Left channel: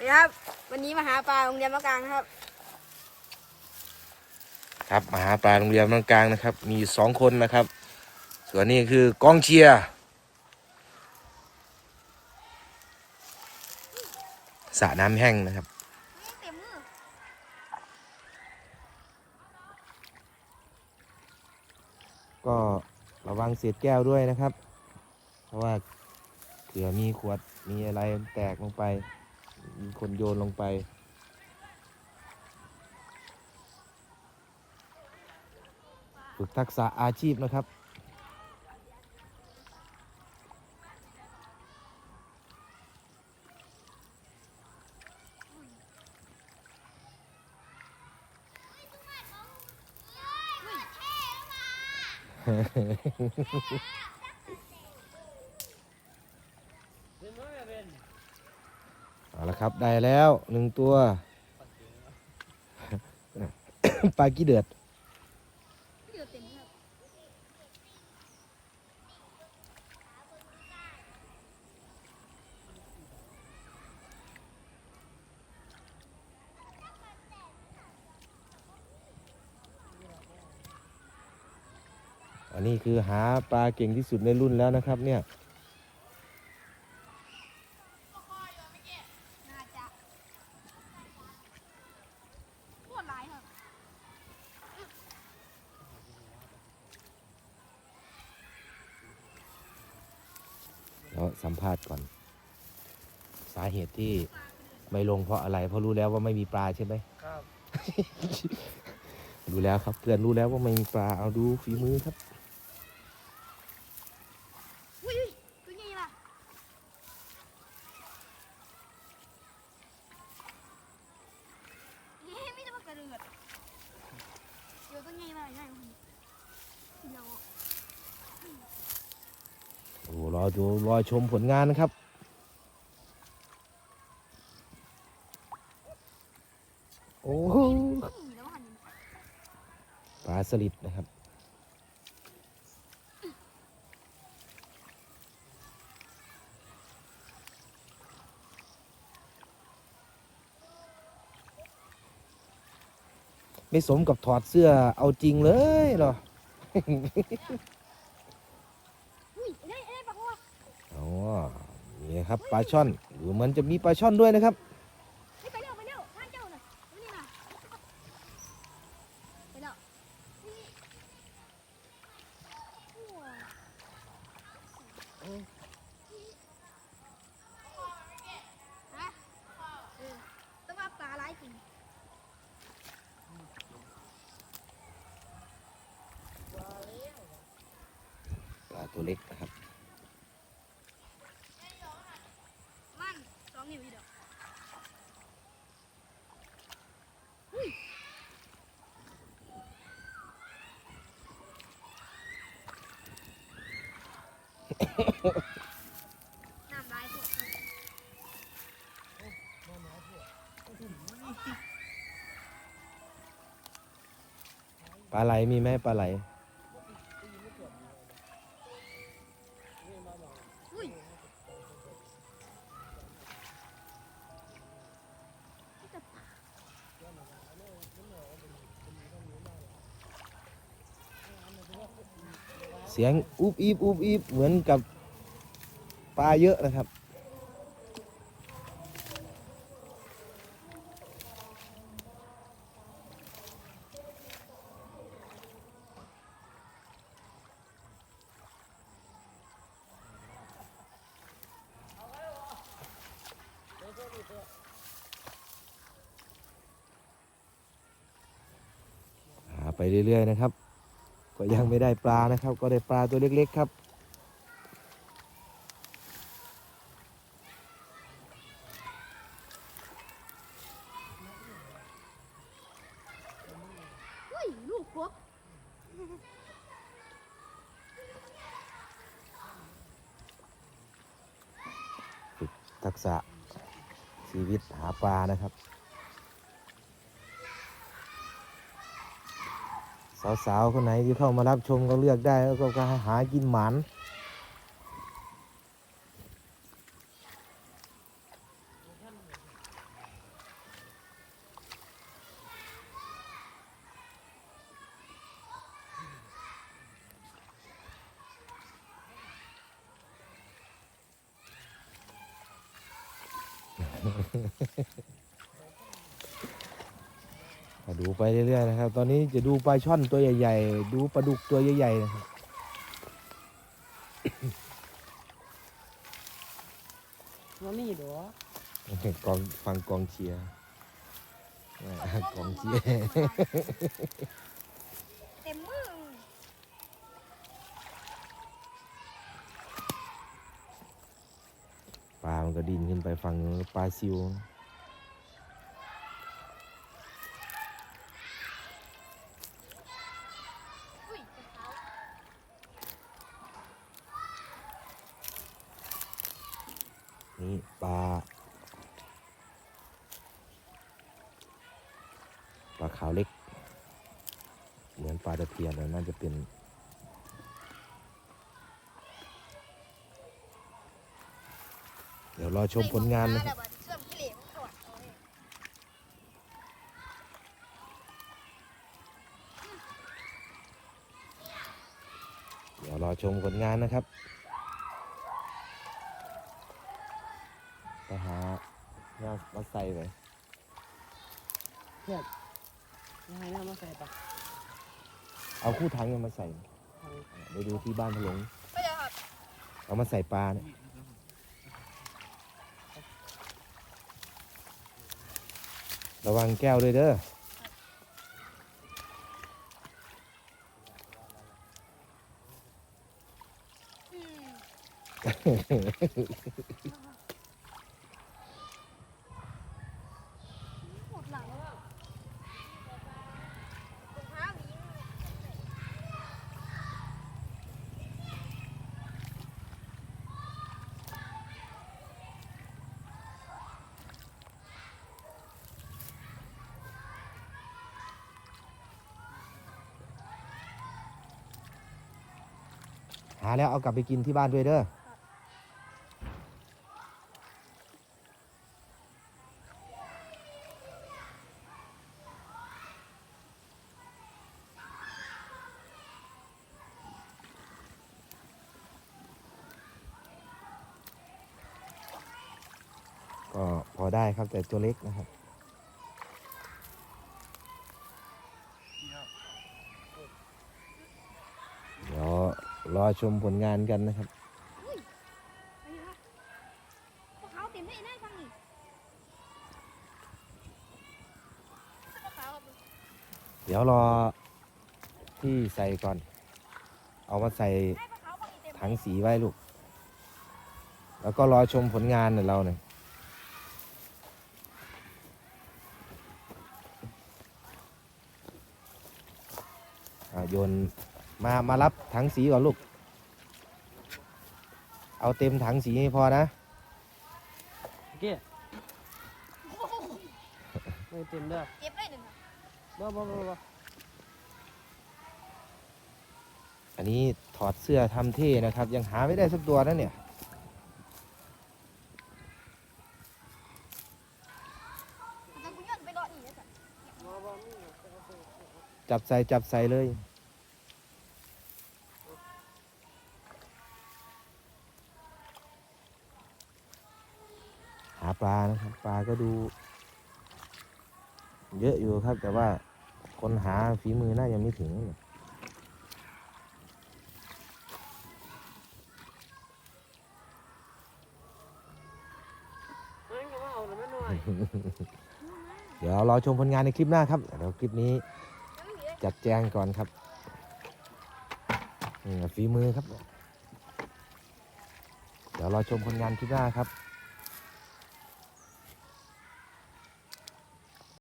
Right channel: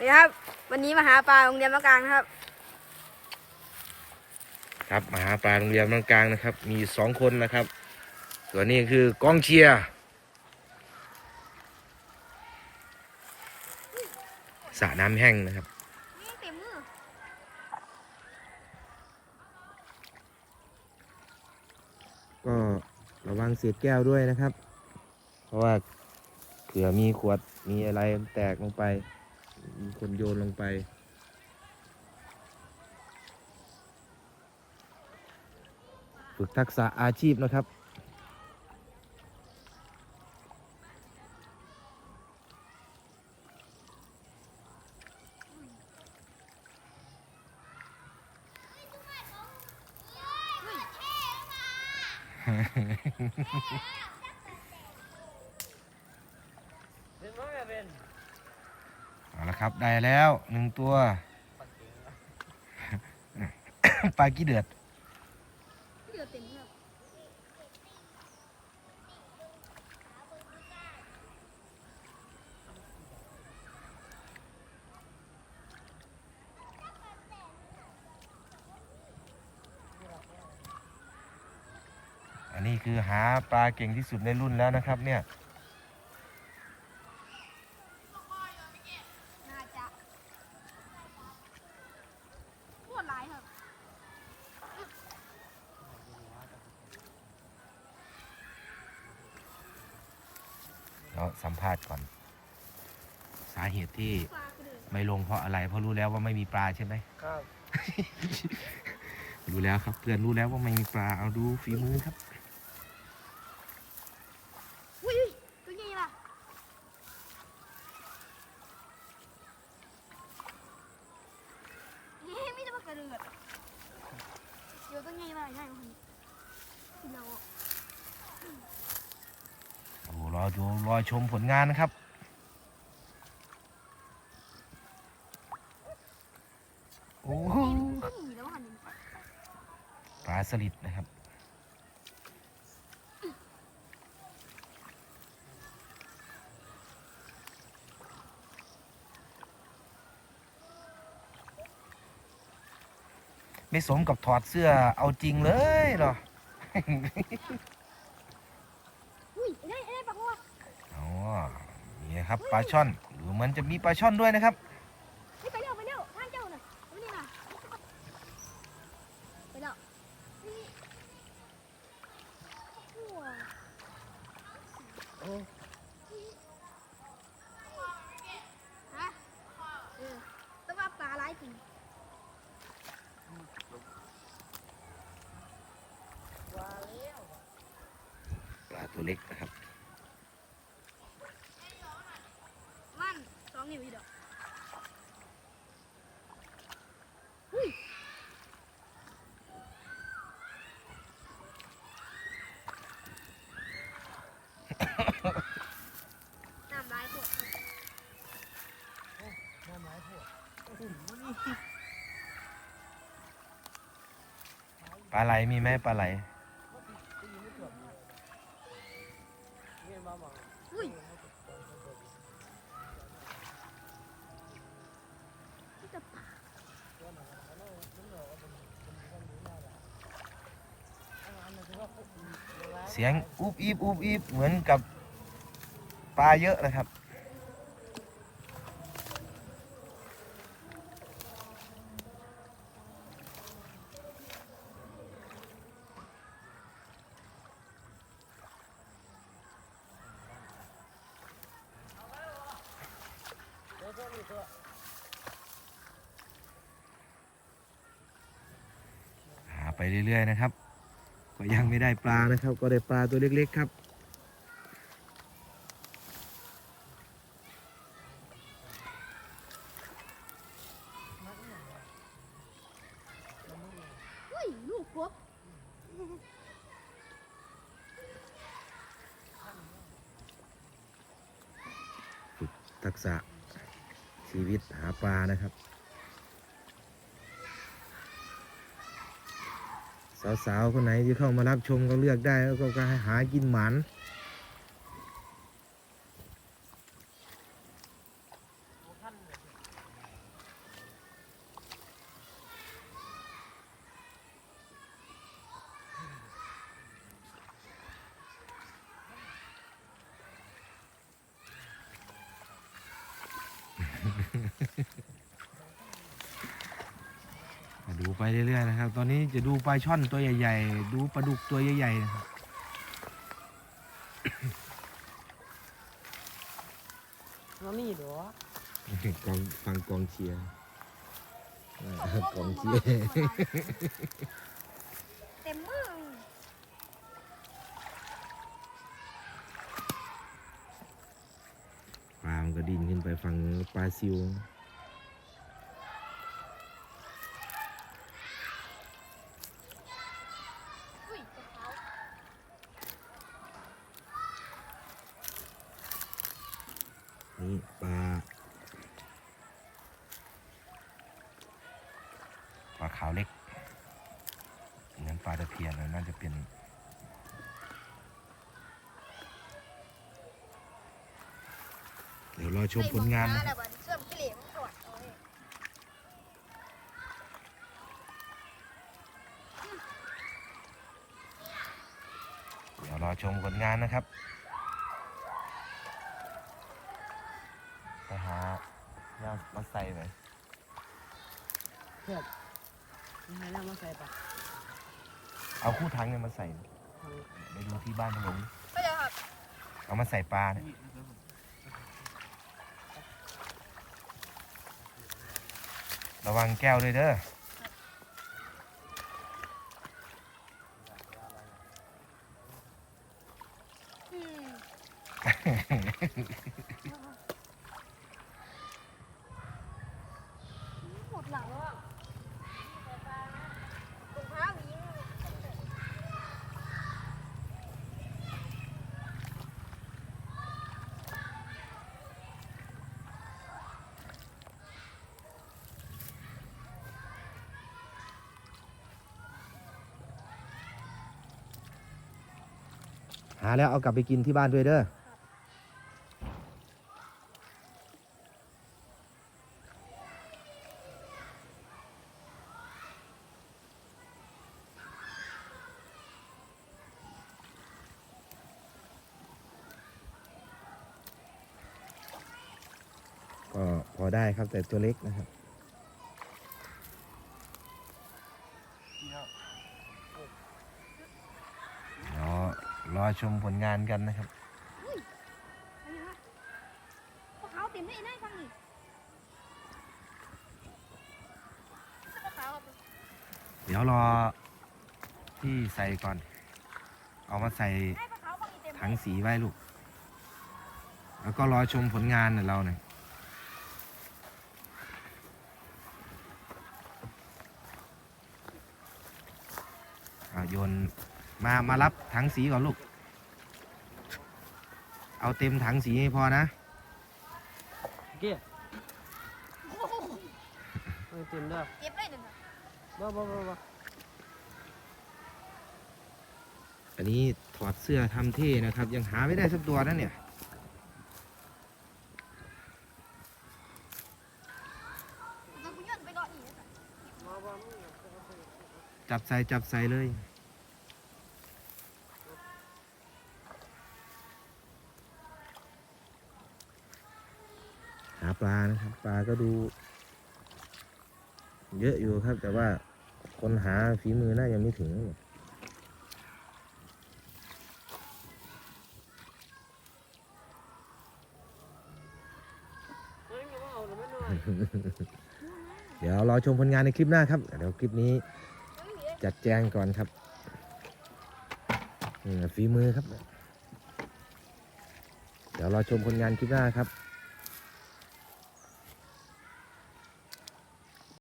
นี่ครับ วันนี้มาหาปลาโรงเรียนมะกลางนะครับ ครับมาหาปลาโรงเรียนกลางนะครับ มีสองคนนะครับ ส่วนนี้คือกองเชียร์สระน้ำแห้งนะครับนี่เต็มมือก็ระวังเศษแก้วด้วยนะครับ เพราะว่าเผื่อมีขวดมีอะไรแตกลงไป มีคนโยนลงไป ฝึกทักษะอาชีพนะครับเอาละครับ ได้แล้วหนึ่งตัวปลากี้เดือดอันนี้คือหาปลาเก่งที่สุดในรุ่นแล้วนะครับเนี่ย น่าจะปวดร้ายครับ เรา สัมภาษณ์ก่อน สาเหตุที่ไม่ลงเพราะอะไร เพราะรู้แล้วว่าไม่มีปลาใช่ไหมครับ รู้แล้วครับ เพื่อนรู้แล้วว่าไม่มีปลาเอาดูฝีมือครับอุ้ยตัวใหญ่ล่ะนี่มีแต่ปลากระเดือดเดี๋ยวตัวใหญ่มาใช่ไหมพี่น้ อ้รอดูรอชมผลงานนะครับ โอ้โหปลาสลิดนะครับไม่สมกับถอดเสื้อเอาจริงเลยเนาะอุ้ยได้ได้ปลาหัว อ๋อ นี่นะครับปลาช่อนดูเหมือนจะมีปลาช่อนด้วยนะครับไปไปเร็วไปเร็วท่านเจ้าน่ะดูนี่น่ะไปแล้วนี่หัวฮะเออแต่ว่าปลาหลายจริงปลาตัวเล็กนะครับ มันสองนิ้วอีดอกอุ้ยน้ำลายปวดครับ ปลาไหลมีไหมปลาไหลอุ้ยนี่แต่ปลาเสียงอุบอีบอุบอีบเหมือนกับปลาเยอะนะครับ เรื่อย ๆ นะครับ ก็ยังไม่ได้ปลานะครับ ก็ได้ปลาตัวเล็ก ๆ ครับอุ้ยลูกกบทักษะชีวิตหาปลานะครับ สาวๆคนไหนที่เข้ามารับชมก็เลือกได้แล้วก็ใหากินหมัน ไปเรื่อยๆนะครับ ตอนนี้จะดูปลาช่อนตัวใหญ่ ๆ ดูปลาดุกตัวใหญ่ๆนะครับน้องนี่เด้อกองฟังกองเชียร์อ่ากองเชียร์เต็มมือปลามันก็ดินขึ้นไปฝั่งนู้นปลาซิว อุ้ยกระเท้า นี่ปลาปลาขาวเล็ก เหมือนปลาตะเพียนนะน่าจะเป็นเดี๋ยวรอชมผลงานนะครับเดี๋ยวรอชมผลงานนะครับไปหาแล้ว มาใส่ไปเพื่อนนี่ให้น้ำมาใส่ปะเอาคู่ถังเนี่ยมาใส่ไปดูที่บ้านพะหลงก็จะครับเอามาใส่ปลาเนี่ยระวังแก้วด้วยเด้ออืมหมดหลังอะรองเท้าวิ่ง หาแล้วเอากลับไปกินที่บ้านด้วยเด้อก็พอได้ครับแต่ตัวเล็กนะครับ เดี๋ยวร อชมผลงานกันนะครับอันนี้ครับพวกเขาเต็มได้ได้ฟังนี่พวกเขาครับเดี๋ยวรอที่ใส่ก่อน เอามาใส่ให้พวกเขาฟังนี่เต็มถังสีไว้ลูก แล้วก็รอชมผลงานเดี๋ยวเราเนี่ยอะโยนมามารับถังสีก่อนลูก เอาเต็มถังสีให้พอนะเกี้ยโอ้โหเออเต็มเด้อเก็บได้หนึ่งครับบ่บ่บ่บ่อันนี้ถอดเสื้อทำเท่นะครับ ยังหาไม่ได้สักตัวนะเนี่ย แล้วกูย้อนไปรออีกแล้วจ้ะจับใส่จับใส่เลย ปลานะครับ ปลาก็ดู เยอะอยู่ครับ แต่ว่าคนหาฝีมือน่ายังไม่ถึงเดี๋ยวรอชมผลงานในคลิปหน้าครับ เดี๋ยวคลิปนี้จัดแจงก่อนครับฝีมือครับ เดี๋ยวรอชมผลงานคลิปหน้าครับ